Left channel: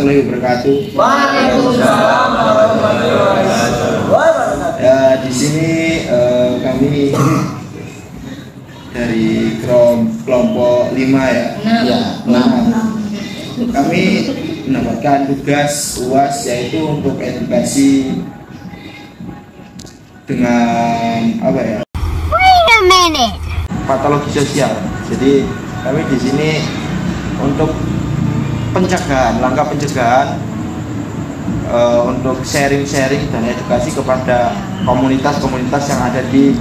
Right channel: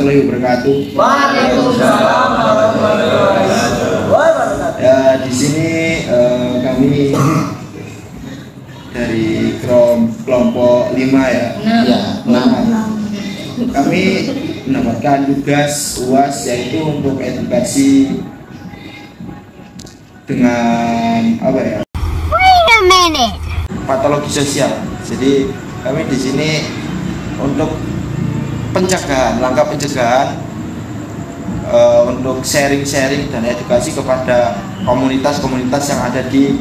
warahmatullahi wabarakatuh. Waalaikumsalam warahmatullahi wabarakatuh. Ya, di sini kami dari kelompok 5 ya. Ya, Kami mendapatkan tugas UAS yaitu untuk edukasi dengan apa ya? Wait a minute. Patologi sosial. Jadi kami di sini untuk pencegahan, langkah pencegahan untuk sharing-sharing dan edukasi kepada komunitas-komunitas yang ada di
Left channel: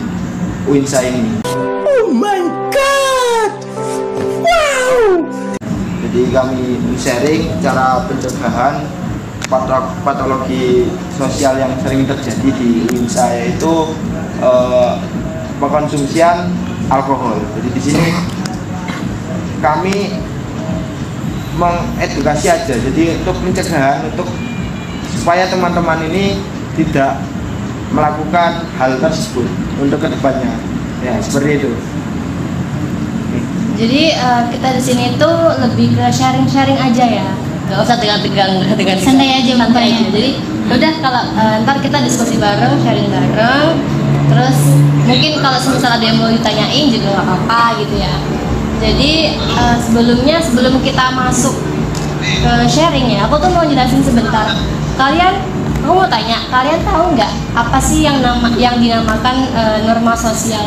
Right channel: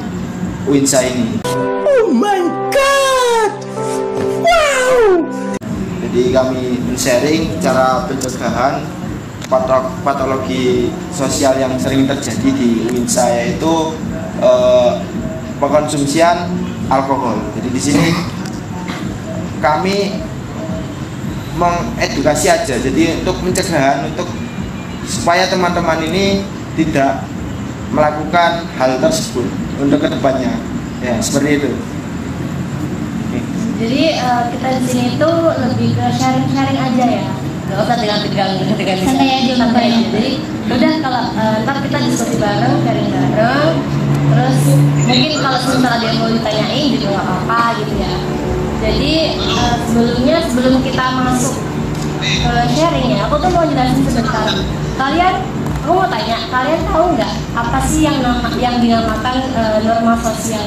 UINSA ini. Oh my god. Wow. Jadi kami men-sharing cara pencegahan patologi sosial yang sering terjadi di UINSA, yaitu pengkonsumsian alkohol. Jadi di sini kami mengedukasi aja. Jadi untuk pencegahan, untuk supaya teman-teman ini tidak melakukan hal tersebut untuk kedepannya. Ya, seperti itu. Jadi kita di sini tuh lebih ke sharing-sharing aja ya, nggak usah tegang-tegang, Santai aja, santai aja. makanya. Jadi udah kalau ntar kita diskusi bareng, sharing bareng. Terus mungkin kalau misal ada yang mau ditanyain juga nggak apa-apa gitu ya. Jadi sebelum kita masuk ke sharing ya, aku tuh mau jelasin sebentar. Aku mau tanya, kalian tahu nggak apa sih yang dinamakan norma sosial?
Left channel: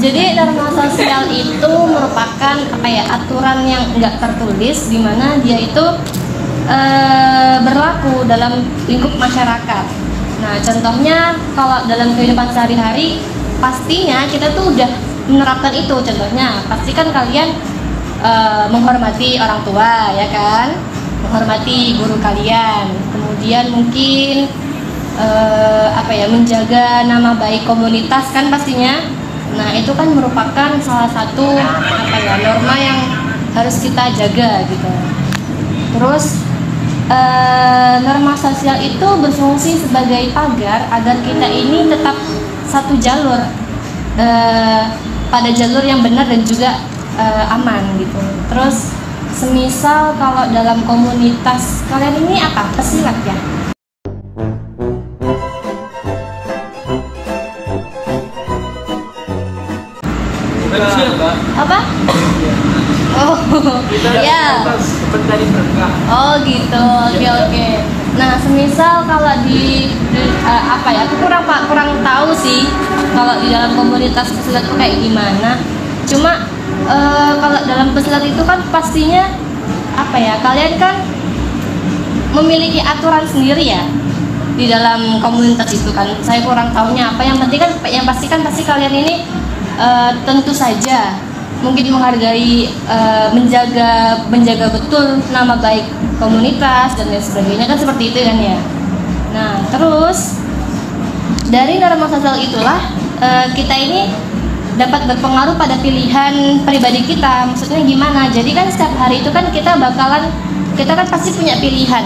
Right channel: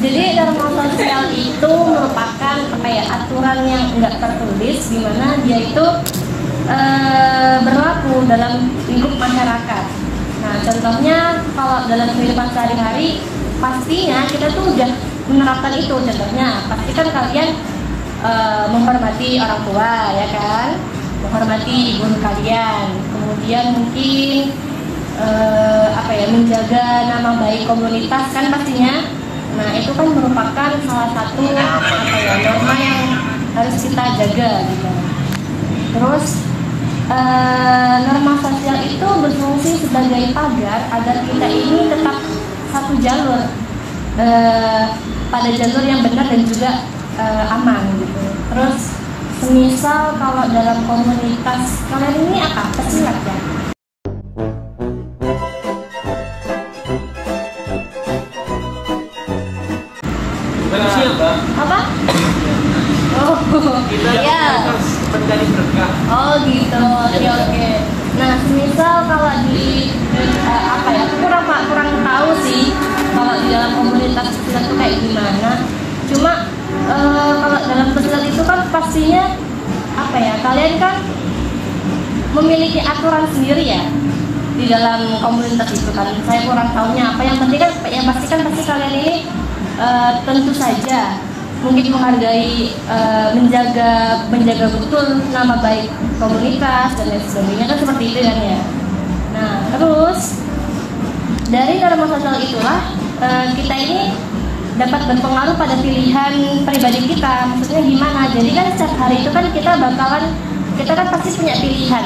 Jadi norma sosial itu merupakan aturan yang nggak tertulis, di mana dia itu berlaku dalam lingkup masyarakat. Nah, contohnya kalau dalam kehidupan sehari-hari, pastinya kita tuh udah menerapkan itu. Contohnya, pastikan kalian menghormati orang tua, ya kan? Menghormati guru kalian. Kemudian mungkin menjaga nama baik komunitas kan pastinya. Nah, itu kan merupakan salah satu norma yang harus kita jaga gitu. Terus norma sosial itu berfungsi sebagai pagar agar kita ini tetap satu jalur, pada jalur yang benar dan juga aman gitu. Terus semisal kalau dalam komunitas kalian ini apa? Pesilat ya? Apa? Oh, Kita ya. mencari berkah. Oh gitu, oke. Nah, semisal kalau aku kurang tahu sih kalau di dalam komunitas pesilat itu kayak gimana. Cuma kalau dalam pesilat itu kan pastinya kalian kan memiliki aturan sendiri ya di dalam komunitas itu kan. Saya kurang tahunya apa. Yang penting kan, pasti kalian ini tentu saja mungkin menghargai, menjaga betul nama baik komunitas dan lain sebagainya kan, seperti itu kan ya. Nah, terus dari norma sosial itulah kita ini dapat berpengaruh pada pilihan pribadi kita. Maksudnya gimana? Jadi kan setiap hari itu kan kita kan pasti punya pilihan.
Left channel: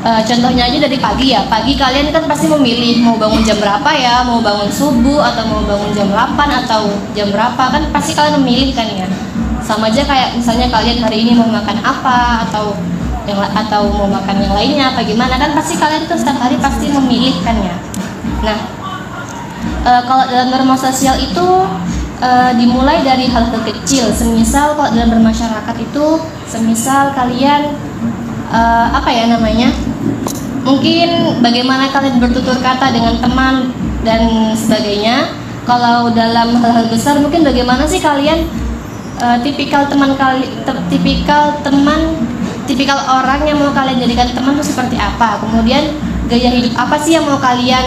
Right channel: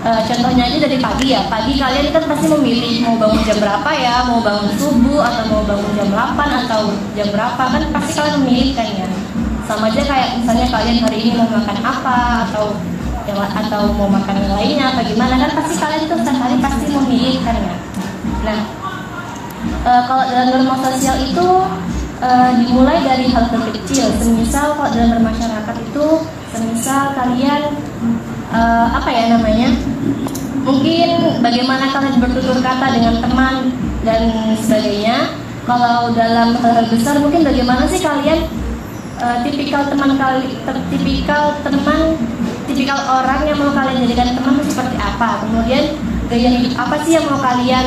Contohnya aja dari pagi ya. Pagi kalian kan pasti memilih mau bangun jam berapa ya, mau bangun subuh atau mau bangun jam 8 atau jam berapa, kan pasti kalian memilih kan ya. Sama aja kayak misalnya kalian hari ini mau makan apa atau mau makan yang lainnya apa gimana, kan pasti kalian tuh setiap hari pasti memilih kan ya. Nah, kalau dalam norma sosial itu dimulai dari hal kecil. Semisal kalau dalam bermasyarakat itu, semisal kalian mungkin bagaimana kalian bertutur kata dengan teman dan sebagainya. Kalau dalam hal besar mungkin bagaimana sih kalian tipikal orang yang mau kalian jadikan teman itu seperti apa. Kemudian gaya hidup apa sih yang mau kalian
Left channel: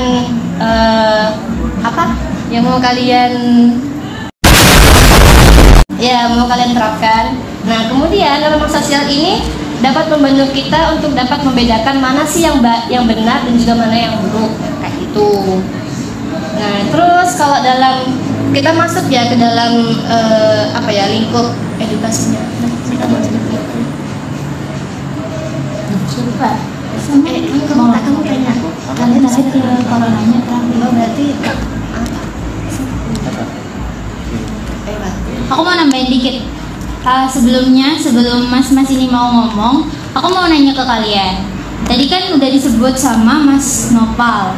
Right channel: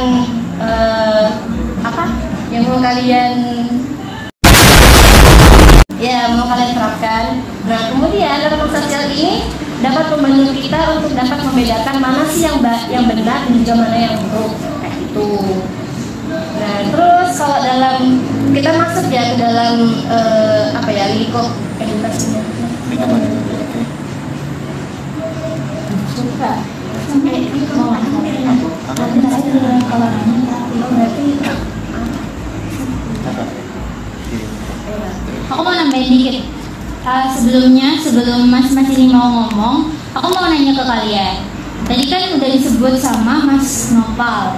terapkan. Nah, kemudian norma sosial ini dapat membantu kita untuk dapat membedakan mana sih yang benar dan juga mana yang buruk, kayak gitu. Nah, terus kalau kita masuk ya ke dalam lingkup edukasinya. mau kalian terakhir tidak kalau nanya terakhir berarti aku mau nambahin dikit. Sebelum mas ini mau ngomong, aku mau nanya ke kalian. Tadi kan udah disebut sama Mas Nopal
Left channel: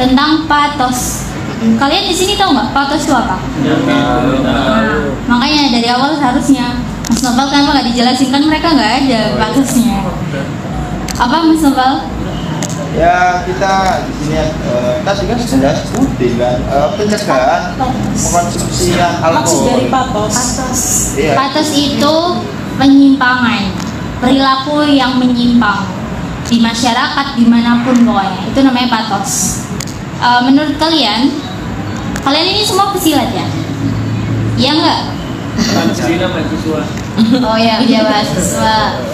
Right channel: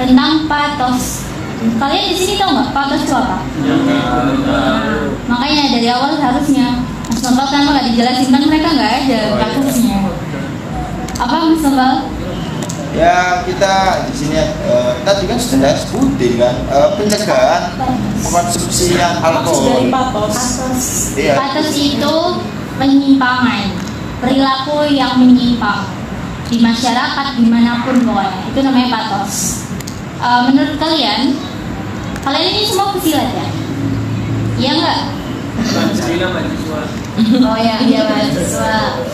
tentang patos. Kalian di sini tahu nggak patos itu apa? Makanya dari awal harusnya Mas Nopal kenapa nggak dijelasin, kan mereka nggak ada patosnya. Apa Mas Nopal? Ya kita di sini tadi kan sudah sebutin kan pencegahan konsumsi yang Maksud dari alkohol. patos. Iya. Patos itu penyimpangan, perilaku yang menyimpang di masyarakat dimanapun pokoknya, itu namanya patos. Menurut kalian ini semua pesilat ya? Iya nggak? Alhamdulillah mahasiswa. Oh ya, iya mahasiswa.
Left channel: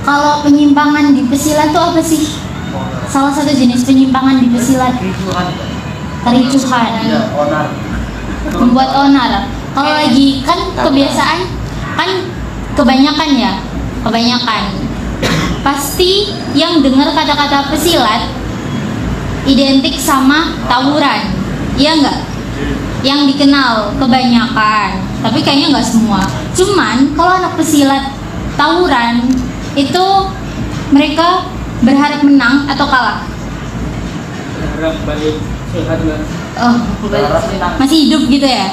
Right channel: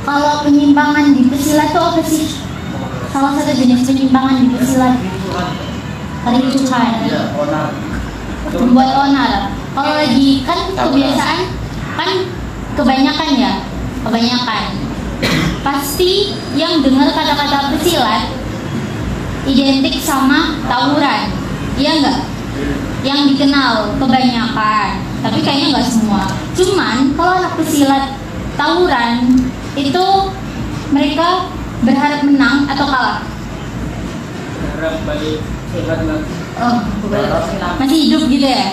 Kalau penyimpangan di pesilat itu apa sih? Salah satu jenis penyimpangan di pesilat, kericuhan, membuat onar. Kalau lagi kan kebiasaan kan kebanyakan pasti yang dengar kata-kata pesilat identik sama tawuran, iya nggak? Yang dikenal kebanyakan, tapi kayaknya nggak semua. Cuman kalau anak pesilat tawuran itu mereka berharap menang atau kalah? Berharap balik sehat lah. Oh, Masih hidup gitu ya?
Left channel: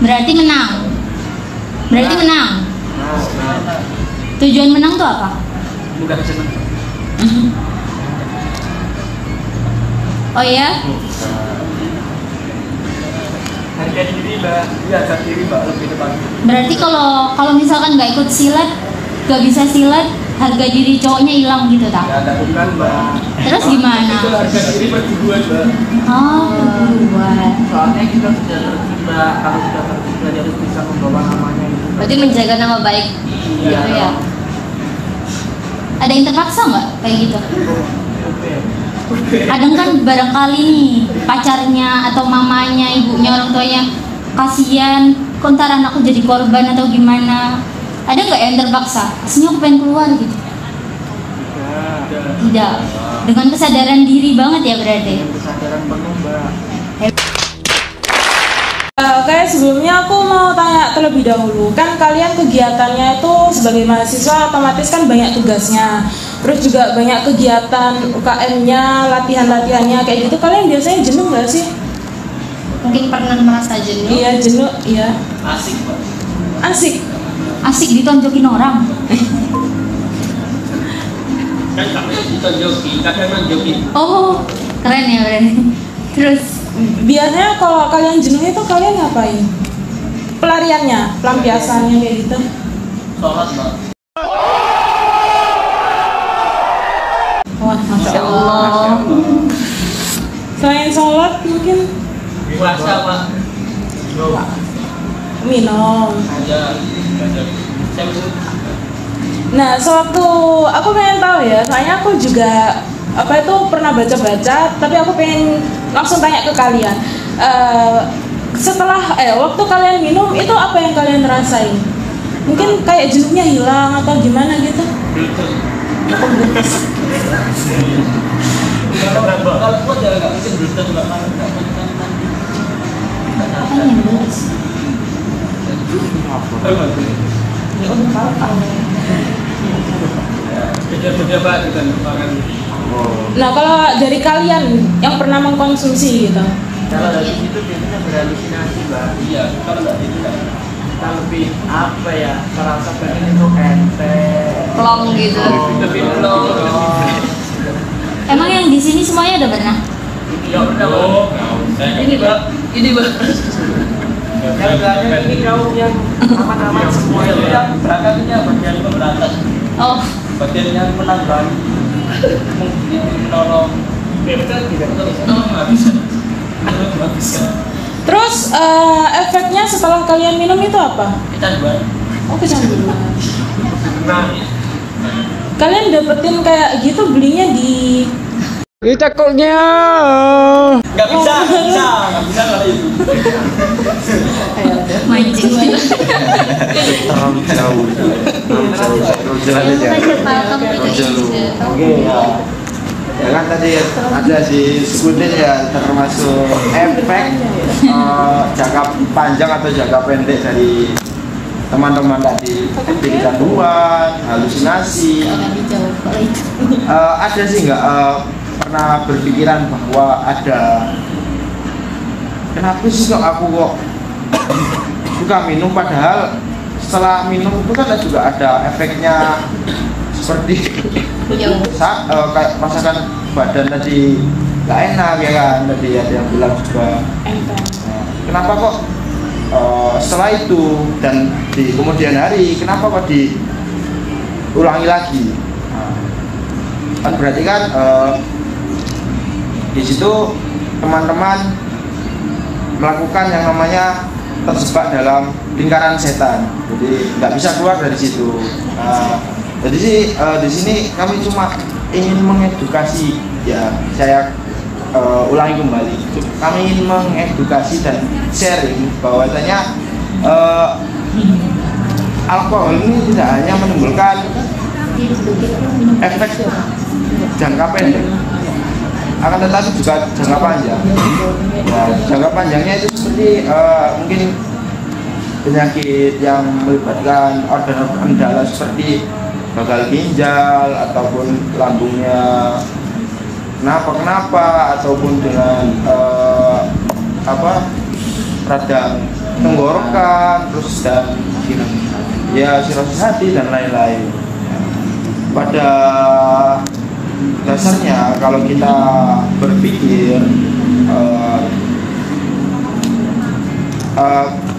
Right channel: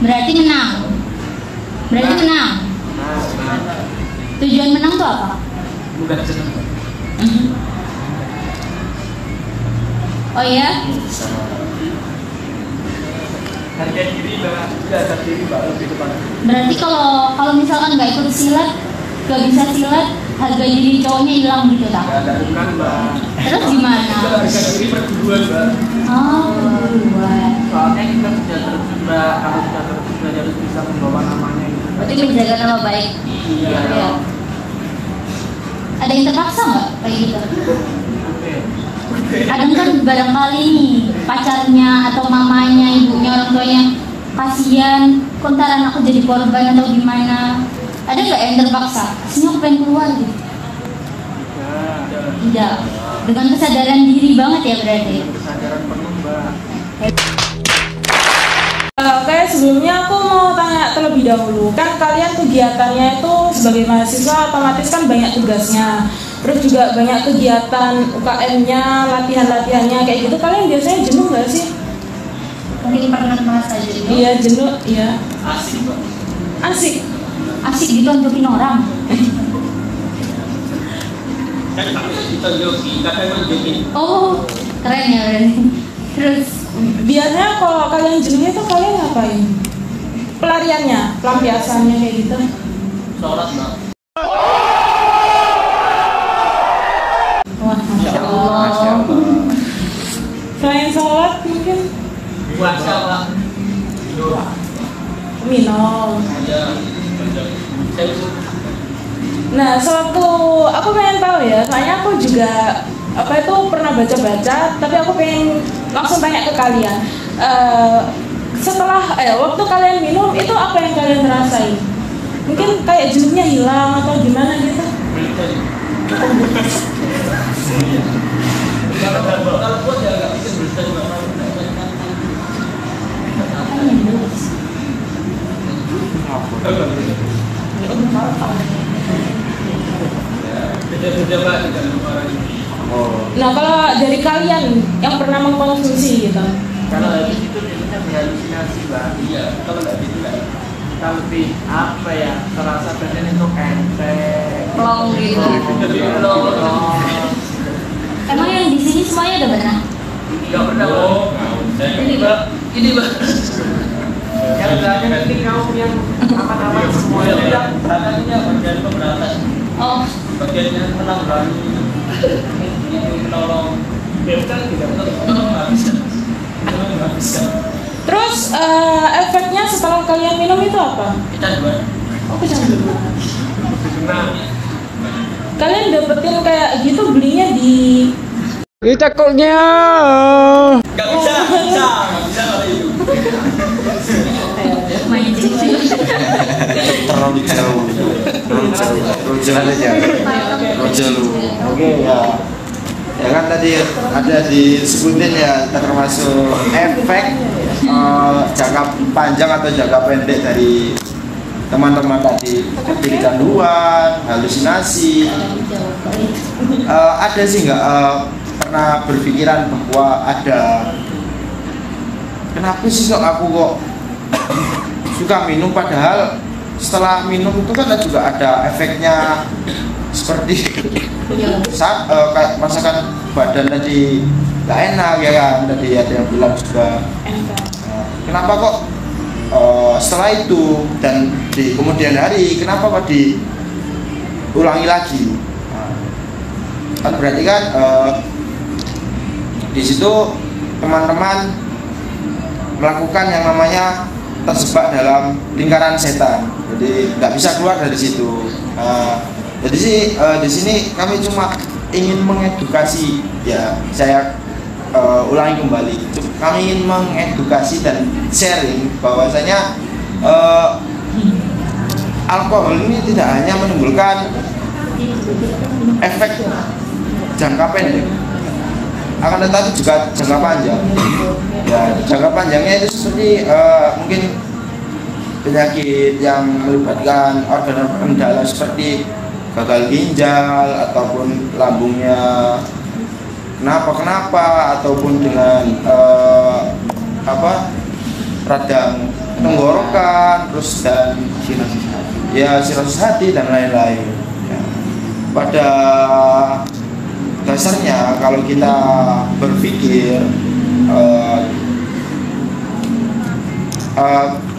Berarti menang. Tujuan menang tuh apa? Mudah senang. Oh ya? Harga diri mbak, iya harga diri mbak lebih depan. Berarti kalau misalkan nggak ikut silat, nggak bisa silat, harga diri cowoknya hilang gitu tak? Ya bukan mbak. Terus gimana? Itu harga diri perguruan mbak. Oh, perguruan. Soalnya kita sudah terjun mbak, kalau sudah terjun berarti harus bisa membawa namanya itu. Berarti menjaga nama baik. Iya dong. Ada yang terpaksa nggak kayak gitu? Uber. Kadang kan barangkali nih pacarnya atau mamanya, ibunya, orang tuanya kasihan, kok ntar anakku jadi korban atau gimana? Ada nggak yang terpaksa? Sini aku pengen keluar gitu. Tidak. Dengan kesadaran diri banget ya berarti. Dengan kesadaran penuh mbak. Kayak sebelumnya aku mau tanya terlebih dahulu, kan kalian kegiatannya itu sebagai mahasiswa otomatis kan banyak tugasnya, terus juga banyak kegiatan UKM-nya, latihan-latihannya kayak gitu. Kalian biasanya jenuh nggak sih? Mungkin pernah merasa jenuh. Iya jenuh, iya. Asik mbak. Asik. Asik ditonjokin orang. Kan kami ditonjokin, kadang nonjokin. Oh, keren ya berarti. Terus Biasanya kalau kalian jenuh itu kalian ngapain? Pelariannya, pelampiasannya kayak gitu. Sholat mbak. Wah, masya Allah. Selain sholat mungkin Puasa mbak. minum. Ada. Saya suruh. Nah, sewaktu aku pengen tahu ya, soalnya aku juga pernah baca-baca, tapi aku pengen langsung tanya ke kalian. Setelah waktu kalian minum itu apa yang kalian rasain? Mungkin kayak jenuhnya hilang atau gimana gitu? Kalau kuat ya nggak mungkin berhenti mbak. Beda-beda pak dengan orang. Nah, kalau dari kalian yang pernah mengkonsumsi gitu, Kalau habis itu biasanya berhalusinasi mbak. Iya, kalau nggak bisa kita lebih apa ya? Terasa badan itu enteng. Long gitu. Lebih long. emang yang di sini semuanya udah pernah? Nggak pernah mbak. Ini mbak. Yang banyak ini kaum yang aman-aman semua ya. Yang bahkan ini bagian pemberantas. Oh, Bagian yang menanggulangi. Yang menolong. Bukan tidak menolong nggak bisa. Nggak bisa. terus efeknya setelah kalian minum itu apa? Kita dua. Oh, kecanduan. Lebih tenang. Kalian dapetin kayak gitu belinya di Nggak bisa kali itu. mancing lagi. Terlalu jauh. Terlalu jauh. Oke. tadi ada disebutin ya, termasuk efek jangka panjang atau jangka pendek dari teman-teman tadi, seperti kecanduan, halusinasi. Ada sih nggak pernah berpikiran bahwa ada, kenapa sih kok aku kok suka minum, padahal setelah minum itu kan juga ada efeknya, seperti kayak rasakan badan tadi nggak enak ya kan, tadi ada yang bilang juga. Kenapa kok setelah itu dan di kemudian hari kenapa kok diulangi lagi? Kan berarti kan di situ teman-teman melakukan yang namanya terjebak dalam lingkaran setan, jadi nggak bisa keluar dari situ. Jadi sih di sini kami cuma ingin mengedukasi, ya saya ulangi kembali, kami ingin mengedukasi dan sharing bahwasanya alkohol ini tidak hanya menimbulkan efek jangka pendek, akan tetapi juga jangka panjang. Ya, jangka panjangnya itu seperti mungkin penyakit yang melibatkan organ-organ dalam seperti gagal ginjal ataupun lambungnya kenapa ataupun dengan radang tenggorokan, terus dan ya sirosis hati dan lain-lain. Pada dasarnya kalau kita berpikir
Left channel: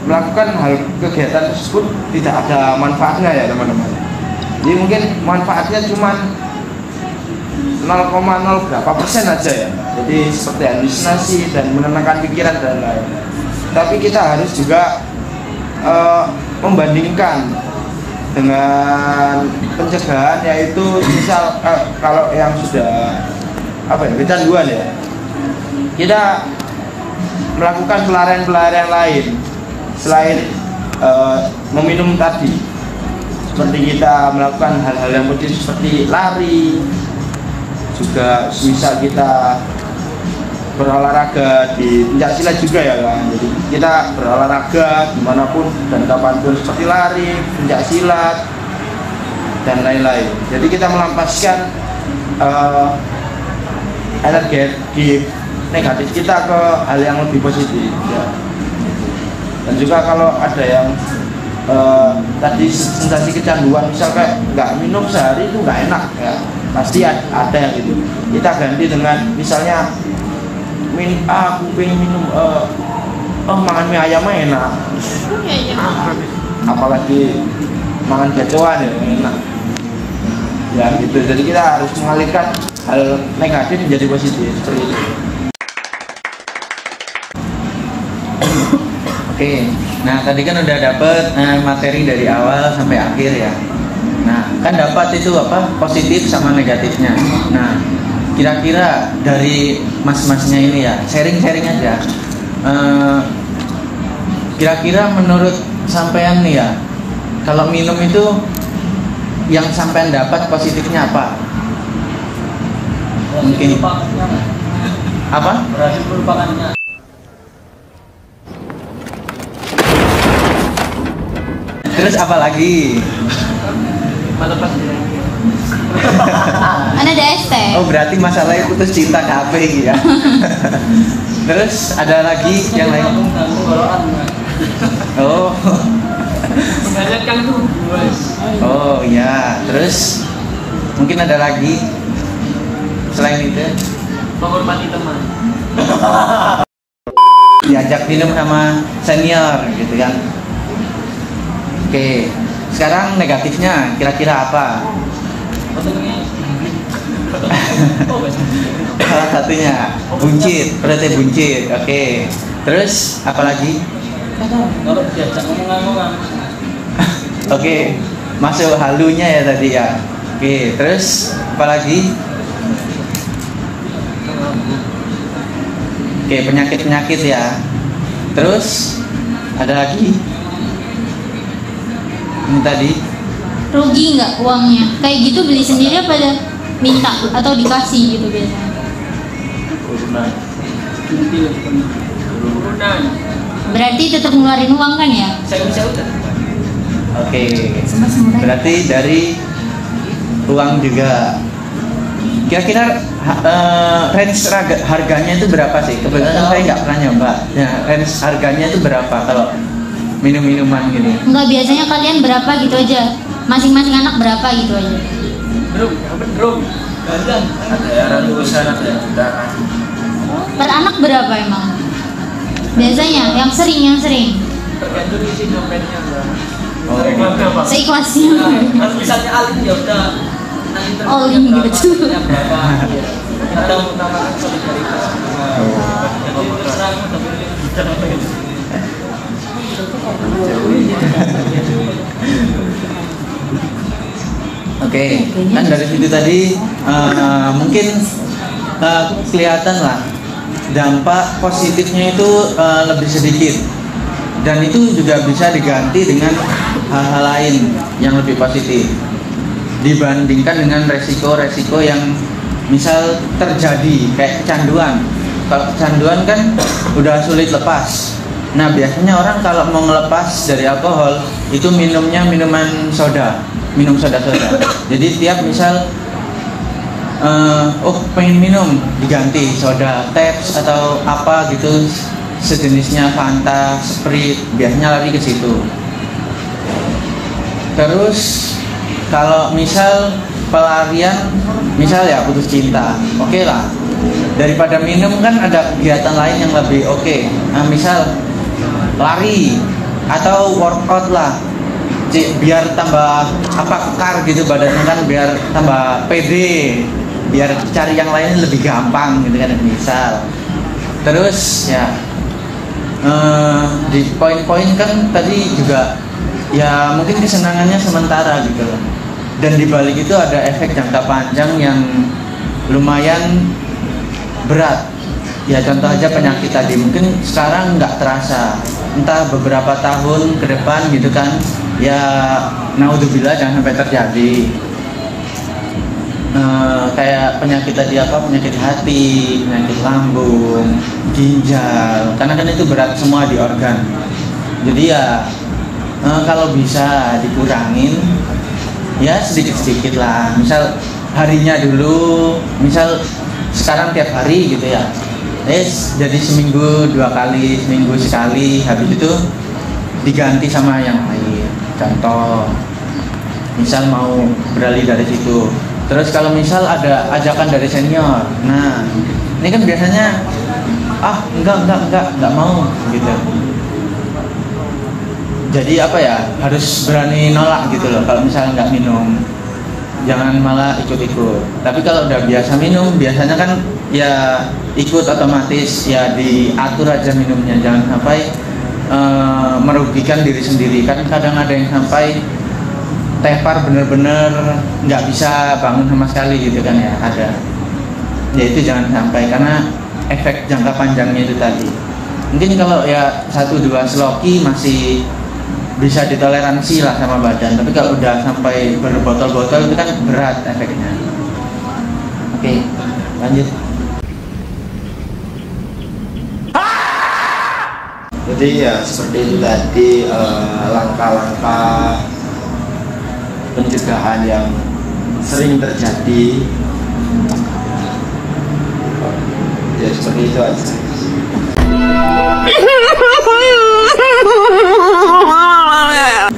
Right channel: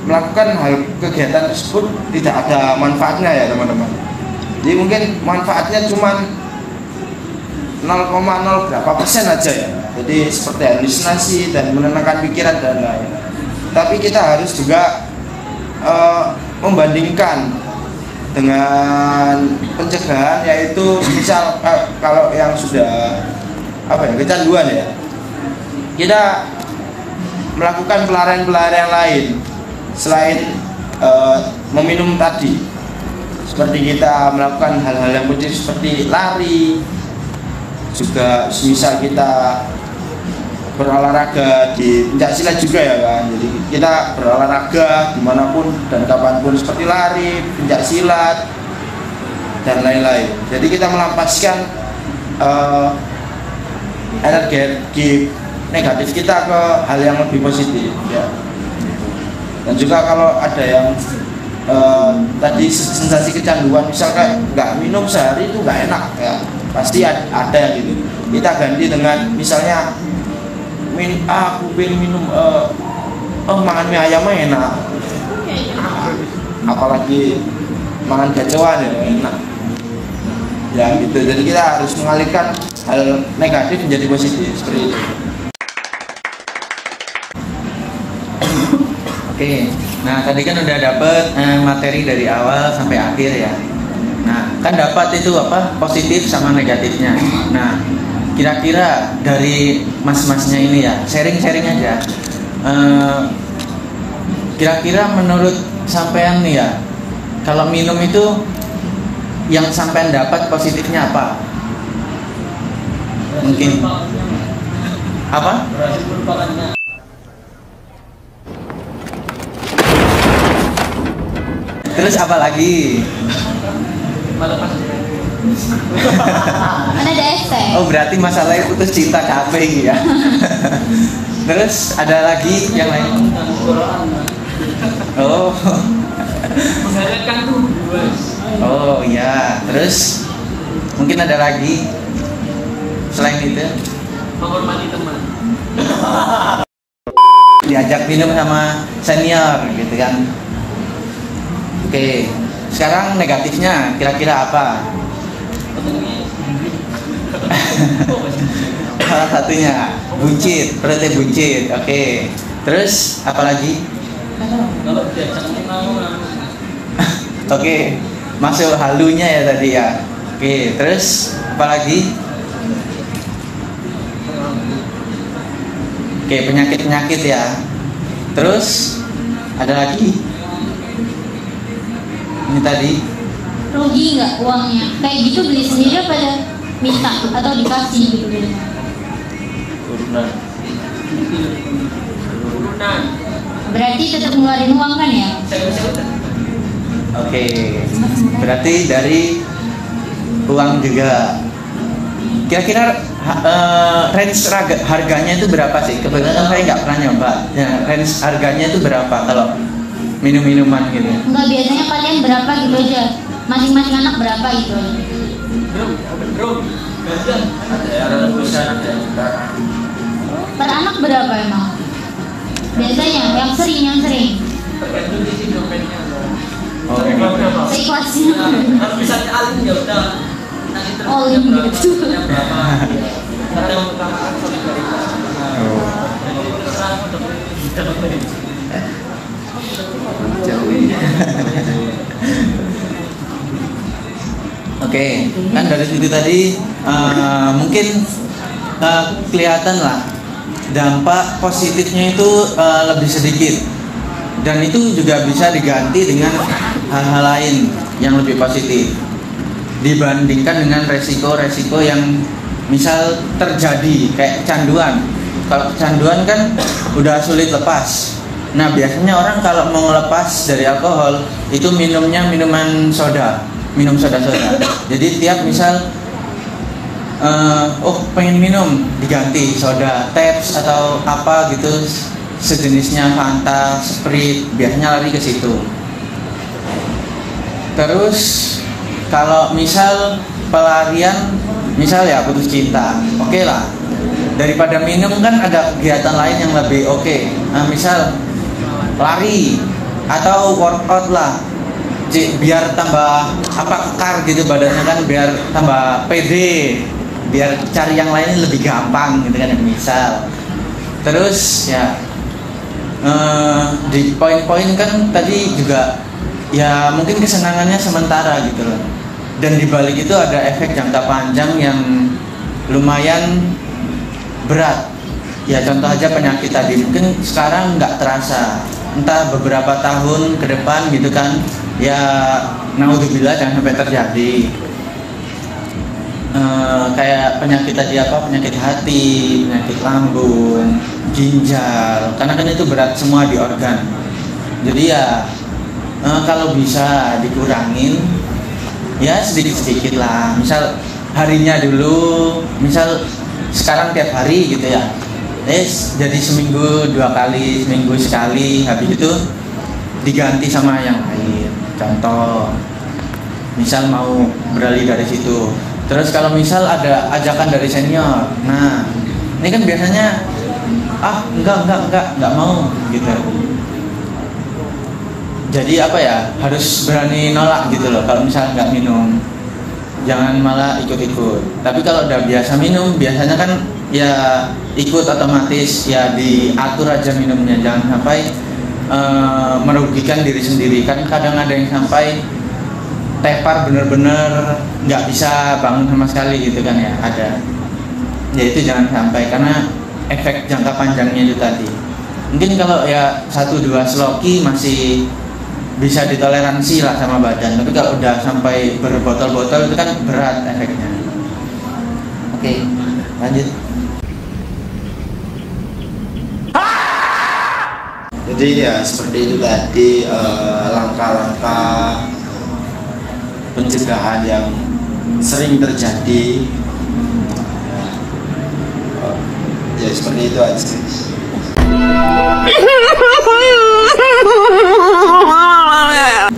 melakukan hal kegiatan tersebut tidak ada manfaatnya ya teman-teman. Jadi mungkin manfaatnya cuma 0,0 berapa persen aja ya. Jadi seperti halusinasi dan menenangkan pikiran dan lain-lain. Tapi kita harus juga membandingkan dengan pencegahan, yaitu misal kalau yang sudah kecanduan ya, kita melakukan pelarian-pelarian lain selain meminum tadi, seperti kita melakukan hal-hal yang positif seperti lari, juga misal kita berolahraga di pencaksilat juga ya kan. Jadi kita berolahraga dimanapun dan kapanpun seperti lari, pencaksilat dan lain-lain. Jadi kita melampiaskan energi negatif kita ke hal yang lebih positif ya. Dan juga kalau ada yang tadi sensasi kecanduan, misalnya nggak minum sehari itu nggak enak ya, pasti ada yang gitu. Kita ganti dengan misalnya aku pengen minum makan mie ayam enak, apalagi makan gacoan ya enak ya gitu. Jadi kita harus mengalihkan hal negatif menjadi positif seperti itu. Oke, nah tadi kan udah dapet materi dari awal sampai akhir ya. Nah kan dapat itu positif sama negatifnya. Nah kira-kira dari mas-masnya ini ya, sharing-sharing aja. Kira-kira menurut sampean nih ya, kalau minum itu yang sampean dapat positifnya apa? Mungkin apa? Berhasil melupakannya. Terus apa lagi? Melepas ya. Mana ada ST? Oh berarti masalahnya putus cinta kafe gitu ya. Terus ada lagi yang lain? Oh. Menghanyutkan tubuh. Oh iya. Terus mungkin ada lagi selain itu? Menghormati teman. Diajak minum sama senior gitu kan. Oke, sekarang negatifnya kira-kira apa? Salah satunya buncit, berarti buncit. Oke, terus apa lagi? Kalau diajak ngomong-ngomong. Oke, masuk halunya ya tadi ya. Oke, terus apa lagi? Oke, penyakit-penyakit ya. Terus ada lagi? Ini tadi Rugi nggak uangnya? Kayak gitu beli sendiri pada minta atau dikasih gitu biasanya? Nah, Turunan. Berarti tetap ngeluarin uang kan ya? Saya udah. oke. Berarti dari uang juga. Kira-kira range harganya itu berapa sih? Kebetulan saya nggak pernah nyoba. Ya, range harganya itu berapa kalau minum-minuman gitu? Enggak, biasanya kalian berapa gitu aja. Masing-masing anak berapa gitu aja. Drum. Ada ratusan, ada yang jutaan. Per anak berapa emang? Biasanya yang sering. Tergantung isi dompetnya mbak. Oh. Reklamnya apa? Seikhlasnya. Kalau misalnya Alin ya udah. All in gitu. Berapa? Iya. Kita mengutamakan solidaritas. Oke, kan dari situ tadi mungkin kelihatan lah dampak positifnya itu lebih sedikit, dan itu juga bisa diganti dengan hal-hal lain yang lebih positif dibandingkan dengan resiko-resiko yang misal terjadi kayak kecanduan. Kalau kecanduan kan udah sulit lepas. Nah biasanya orang kalau mau ngelepas dari alkohol itu minumnya minum soda-soda. Jadi tiap misal pengen minum diganti soda, Teps atau apa gitu sejenisnya, Fanta, Sprite, biasanya lari ke situ. Terus kalau misal pelarian, misal ya putus cinta, oke lah. Daripada minum kan ada kegiatan lain yang lebih oke. Nah misal lari atau workout lah, biar tambah kekar gitu badannya kan, biar tambah pede, biar cari yang lain lebih gampang gitu kan misal. Terus ya di poin-poin kan tadi juga ya mungkin kesenangannya sementara gitu loh, dan dibalik itu ada efek jangka panjang yang lumayan berat. Ya contoh aja penyakit tadi, mungkin sekarang nggak terasa, entah beberapa tahun ke depan gitu kan, ya naudzubillah jangan sampai terjadi. Kayak penyakit tadi penyakit hati, penyakit lambung, ginjal, karena kan itu berat semua di organ. Jadi ya kalau bisa dikurangi ya sedikit-sedikit lah. Misal harinya dulu, misal sekarang tiap hari gitu ya, jadi seminggu 2 kali, seminggu sekali, habis itu diganti sama yang lain. Contoh misal mau beralih dari situ. Terus kalau misal ada ajakan dari senior, nah ini kan biasanya enggak mau gitu. Jadi harus berani nolak gitu loh. Kalau misalnya nggak minum, jangan malah ikut-ikut. Tapi kalau udah biasa minum, biasanya kan ya ikut otomatis, ya diatur aja minumnya, jangan sampai merugikan diri sendiri. Kan kadang ada yang sampai tepar bener-bener nggak bisa bangun sama sekali gitu kan ya, ada. Ya itu jangan sampai, karena efek jangka panjangnya itu tadi. Mungkin kalau ya 1-2 sloki masih bisa ditoleransi lah sama badan, tapi kalau udah sampai berbotol-botol itu kan berat efeknya. Oke, lanjut. Jadi ya seperti itu tadi langkah-langkah pencegahan yang sering terjadi. Ya seperti itu aja.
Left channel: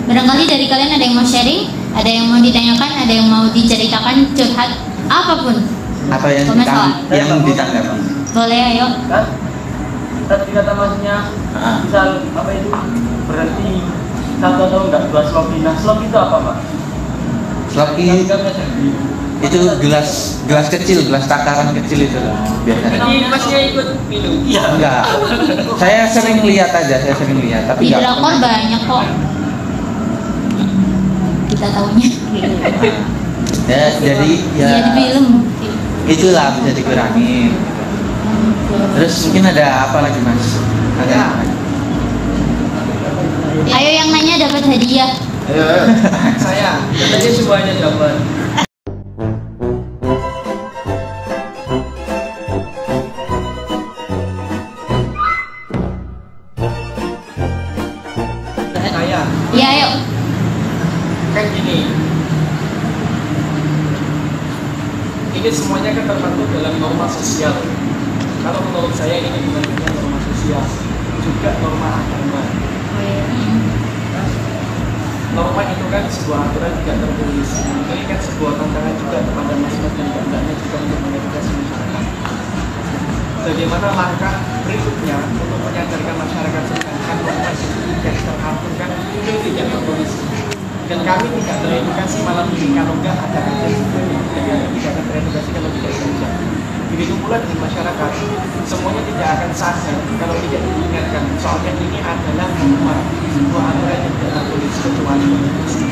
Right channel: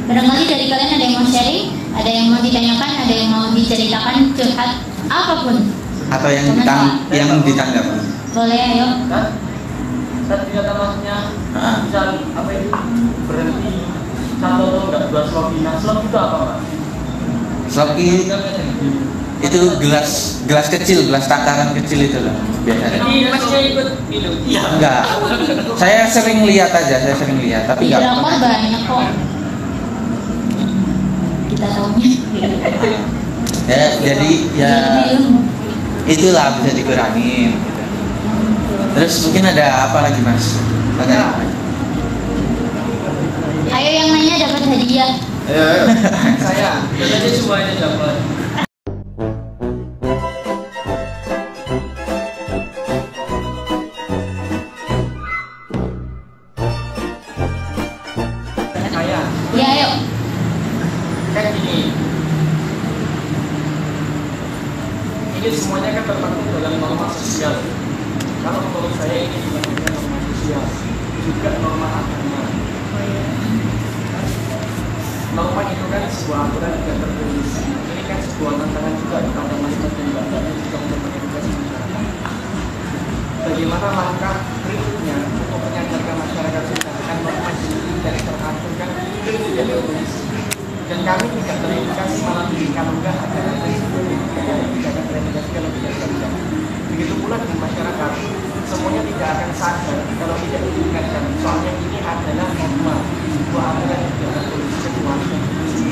Barangkali dari kalian ada yang mau sharing, ada yang mau ditanyakan, ada yang mau diceritakan, curhat, apapun. Atau yang ditanggapi. Boleh, ayo. Kan tadi kata masnya misal itu berhenti 1 atau enggak 2 sloki. Nah slok itu apa Mas? Sloki itu gelas kecil, gelas takaran kecil itu lah biasanya. Jadi masnya ikut minum? Iya. Enggak, saya sering lihat aja, tapi Di enggak. drakor banyak kok. Kita tahunya. Ya jadi ya Iya, di film. itulah bisa dikurangi. Terus mungkin ada apa lagi Mas? Ya. Ayo yang nanya dapat hadiah. Ayo. Saya, katanya semuanya dapat. semuanya kan terpaku dalam norma sosial. Kalau menurut saya ini bukan hanya norma sosial, juga norma agama. Norma itu kan sebuah aturan tidak tertulis. Ini kan sebuah tantangan juga kepada mas-mas dan mbak-mbaknya juga untuk mengedukasi masyarakat. Bagaimana langkah berikutnya untuk menyadarkan masyarakat tentang norma itu tidak teratur kan, ini tidak tertulis. Dan kami tidak teredukasi malam ini kalau enggak ada kata seperti itu. Jadi kami tidak akan teredukasi kalau tidak belajar. Begitu pula dengan masyarakat, semuanya tidak akan sadar kalau tidak diingatkan. Soalnya ini adalah norma, sebuah aturan yang tidak tertulis kecuali konstitusi.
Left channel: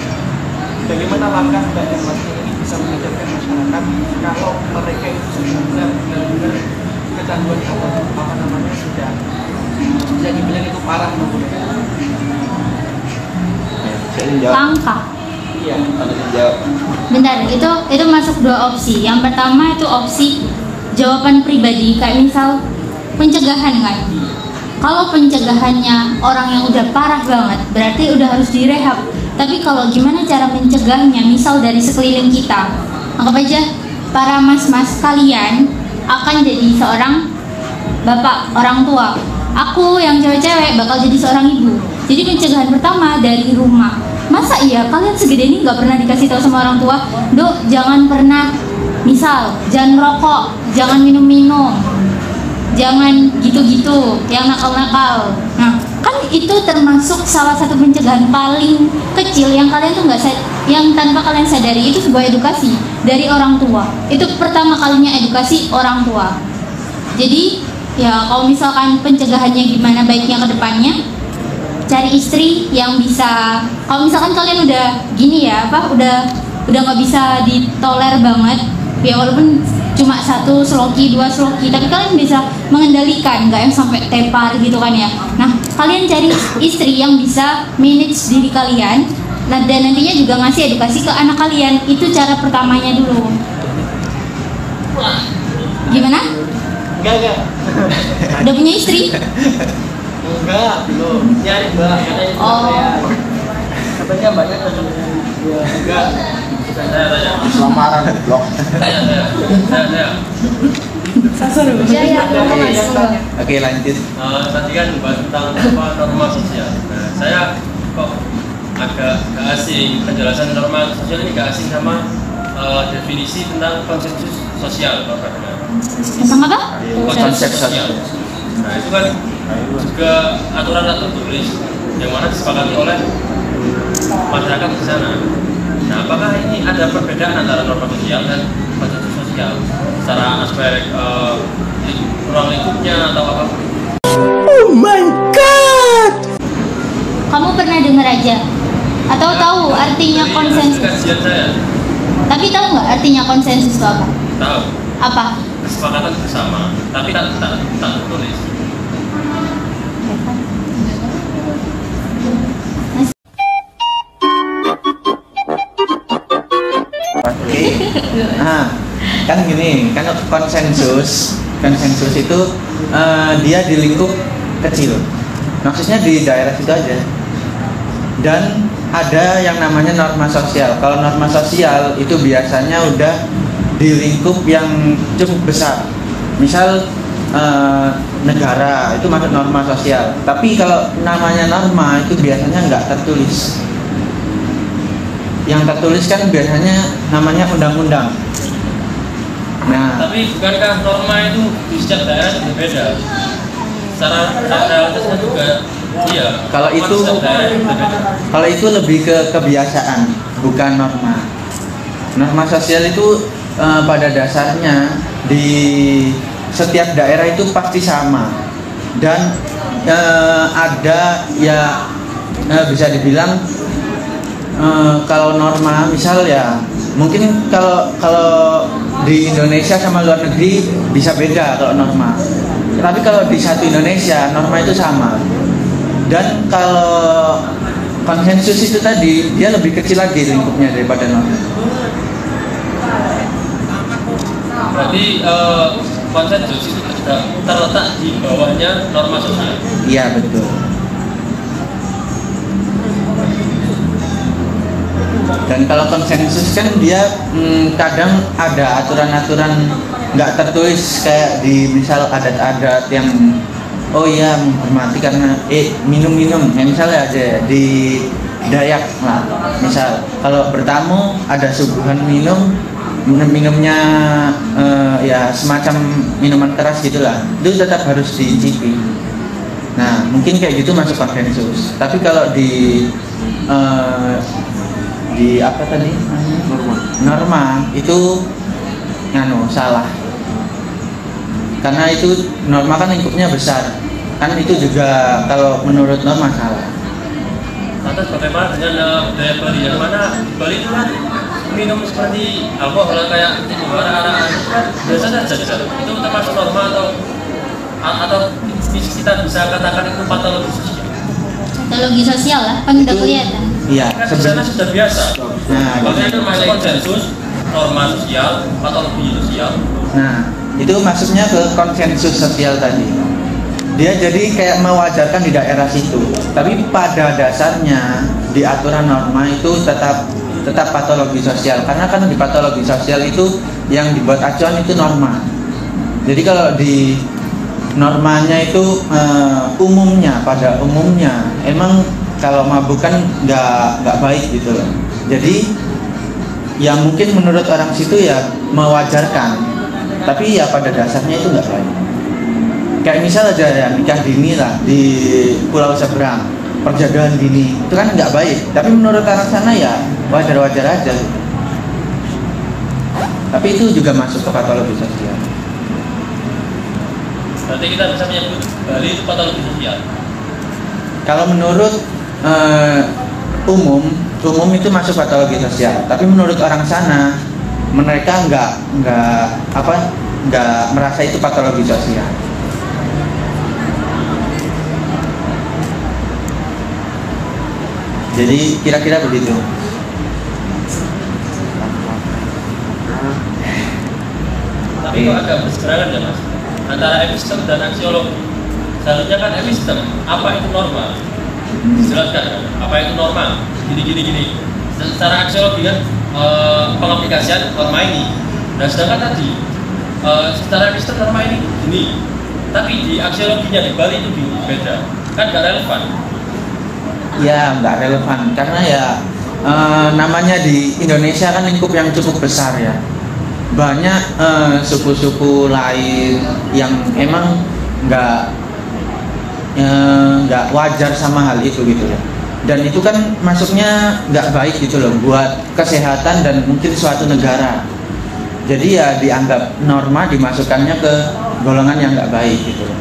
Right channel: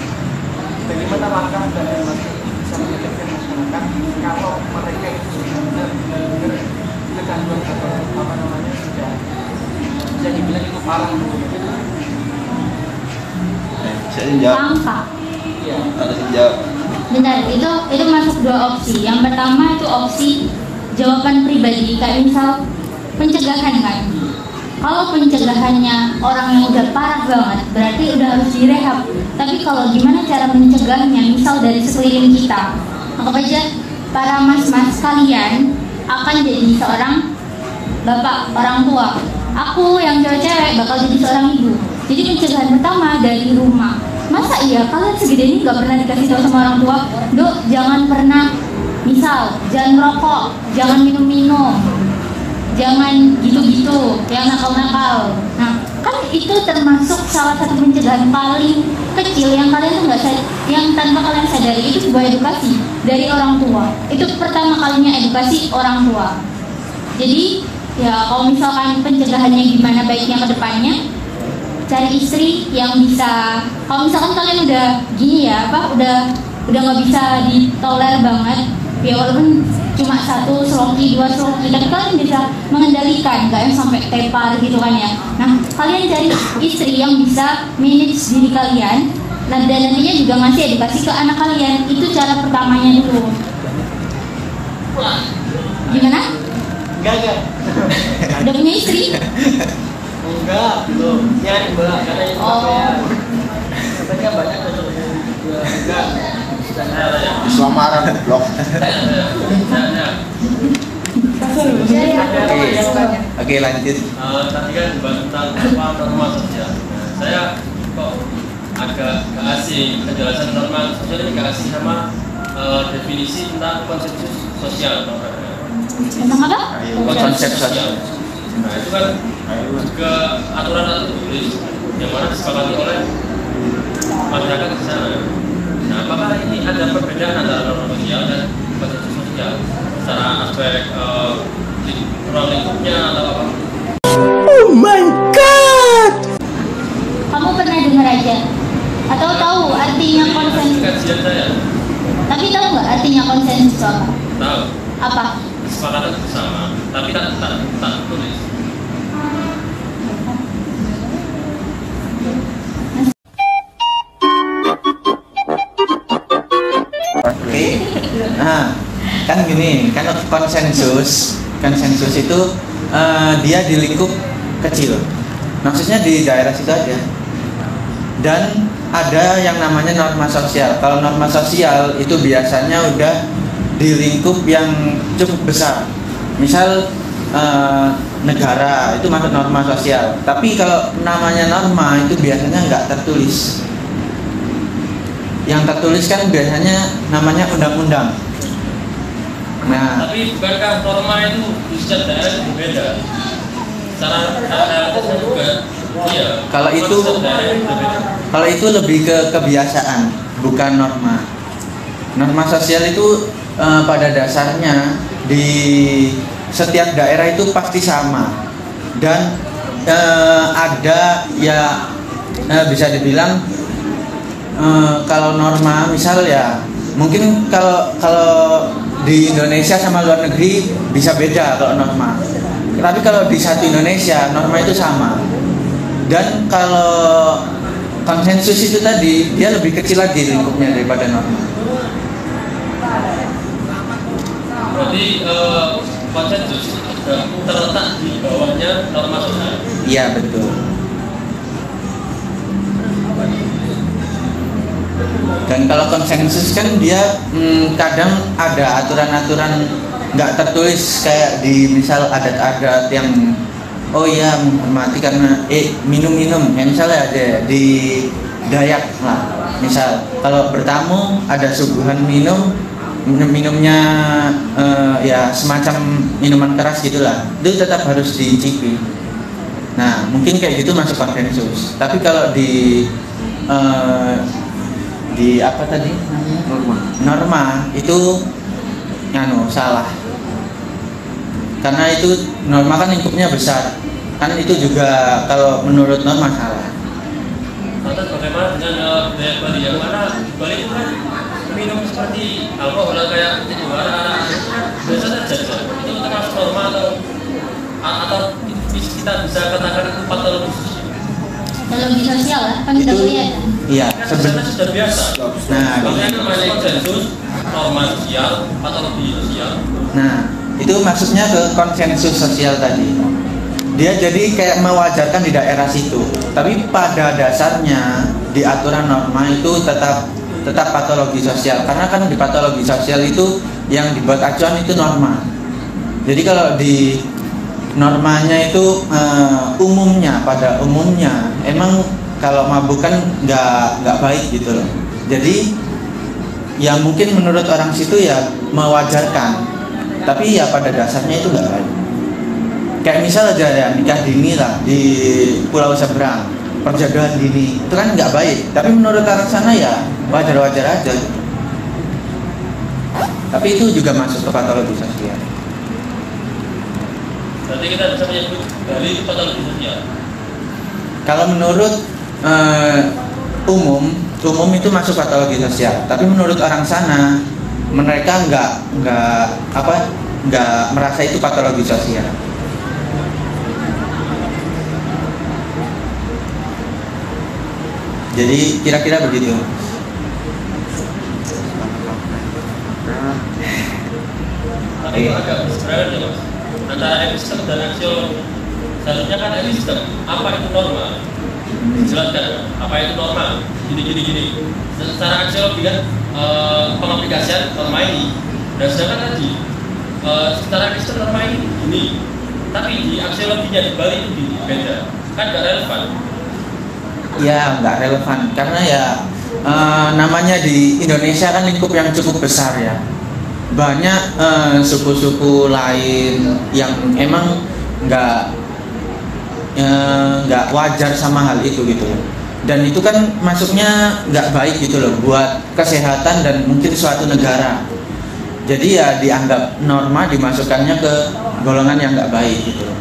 Bagaimana langkah Mbak dan Masnya ini bisa menyadarkan masyarakat kalau mereka itu sudah benar-benar kecanduan atau apa namanya sudah bisa dibilang itu parah menggunakan. Langkah. Iya. Bentar, itu masuk dua opsi. Yang pertama itu opsi jawaban pribadi, kayak misal pencegahan kan. Kalau pencegahannya orang yang udah parah banget, berarti udah harus direhab. Tapi kalau gimana cara mencegahnya, misal dari sekeliling kita, anggap aja para mas-mas kalian akan jadi seorang bapak, orang tua. Aku yang cewek-cewek bakal jadi seorang ibu. Jadi pencegahan pertama dari rumah. Masa iya kalian segede ini nggak pernah dikasih tahu sama orang tua, Dok, jangan pernah, misal jangan merokok, jangan minum-minum, jangan gitu-gitu, yang nakal-nakal. Nah, kan itu termasuk salah satu pencegahan paling kecil yang kalian tuh yang tanpa kalian sadari, itu sebuah edukasi dari orang tua. Itu pertama kalinya edukasi orang tua. Jadi ya kalau misalkan pencegahannya gimana baiknya ke depannya, cari istri yang bisa, kalau misalkan kalian udah gini ya, udah nggak bisa ditoler banget, ya walaupun cuma 1 sloki, 2 sloki, tapi kalian bisa mengendalikan, nggak yang sampai tepar gitu kan ya. Nah, kalian cari istri yang bisa manage diri kalian, nah, dan nantinya juga ngasih edukasi ke anak kalian. Itu cara pertamanya dulu. Gimana? Enggak. Udah punya istri? Enggak, belum. Nyari Mbak, katanya kecapean. Tapi enggak banyak kan? Ya, enggak. Saya. Samaran blok. Ada yang tanya. Oke, lanjut. Tadi kan tentang norma sosial. Nah, saya kok agak asing penjelasan norma sosial ini, gak asing sama definisi tentang konsensus sosial. Tentang apa? Konsep sosial. Nah, itu kan juga aturan tertulis yang mana disepakati oleh masyarakat di sana. Nah, apakah ini ada perbedaan antara norma sosial dan konsensus sosial secara aspek ruang lingkupnya atau apa? Oh my god! Kamu pernah dengar aja? Atau tahu artinya konsensus? Kajian saya. Tapi tahu nggak artinya konsensus itu apa? Tahu. Apa? Kesepakatan bersama, tapi tak tertulis. Nah, kan gini, kan konsensus itu dia di lingkup kecil, maksudnya di daerah situ aja. Dan ada yang namanya norma sosial. Kalau norma sosial itu biasanya udah di lingkup yang cukup besar. Misal negara itu masuk norma sosial. Tapi kalau namanya norma itu biasanya nggak tertulis. Yang tertulis kan biasanya namanya undang-undang. Nah, Tapi bukankah norma itu di setiap daerah itu berbeda? Secara realitasnya juga, iya. Kalau norma itu- di setiap daerah itu berbeda. kalau itu lebih ke kebiasaan, bukan norma. Norma sosial itu pada dasarnya di setiap daerah itu pasti sama. Dan ada ya bisa dibilang kalau norma misal ya mungkin kalau di Indonesia sama luar negeri bisa beda kalau norma. Tapi kalau di satu Indonesia norma itu sama. Dan kalau konsensus itu tadi dia lebih kecil lagi lingkupnya daripada norma. Jadi konsensus itu sudah terletak di bawahnya norma sosial. Iya betul. Dan kalau konsensus kan dia kadang ada aturan-aturan nggak tertulis, kayak di misal adat-adat yang oh iya menghormati karena minum-minum, misalnya aja ya, di Dayak lah, misal kalau bertamu ada suguhan minumnya ya semacam minuman keras gitulah, itu tetap harus diicipi. Nah mungkin kayak gitu masuk konsensus. Tapi kalau di apa tadi norma itu salah, karena itu norma kan lingkupnya besar, kan itu juga kalau menurut norma salah. Lantas bagaimana dengan budaya Bali, yang mana Bali itu kan minum seperti alkohol kayak arah-arah itu kan biasanya jajan, itu termasuk norma atau kita bisa katakan itu patologi sosial lah, kan udah kelihatan. Iya, sebenarnya sudah biasa. Nah, makanya namanya konsensus, norma sosial, patologi sosial. Nah, itu maksudnya ke konsensus sosial tadi. Dia jadi kayak mewajarkan di daerah situ. Tapi pada dasarnya di aturan norma itu tetap patologi sosial. Karena kan di patologi sosial itu yang dibuat acuan itu norma. Jadi kalau di normanya itu pada umumnya emang kalau mabuk kan nggak baik gitu loh. Jadi ya mungkin menurut orang situ ya mewajarkan, tapi ya pada dasarnya itu nggak baik. Kayak misal aja ya nikah dini lah di pulau seberang, perjodohan dini itu kan nggak baik, tapi menurut orang sana ya wajar-wajar aja. Tapi itu juga masuk ke patologi sosial. Berarti kita bisa menyebut Bali itu patologi sosial. Kalau menurut umum itu masuk patologi sosial, tapi menurut orang sana mereka nggak merasa itu patologi sosial. Jadi kira-kira begitu. Tapi kok agak berseberangan ya mas antara epistem dan aksiologi. Seharusnya kan epistem, apa itu norma? Dijelaskan kan, apa itu norma? Gini. Secara aksiologi kan pengaplikasian norma ini. Dan sedangkan tadi secara epistem norma ini gini, tapi di aksiologinya di Bali itu beda, kan gak relevan. Ya nggak relevan karena ya namanya di Indonesia kan lingkup yang cukup besar ya, banyak suku-suku lain yang emang nggak wajar sama hal itu gitu loh. Dan itu kan masuknya nggak baik gitu loh buat kesehatan dan mungkin suatu negara. Jadi ya dianggap norma dimasukkannya ke golongan yang nggak baik gitu loh.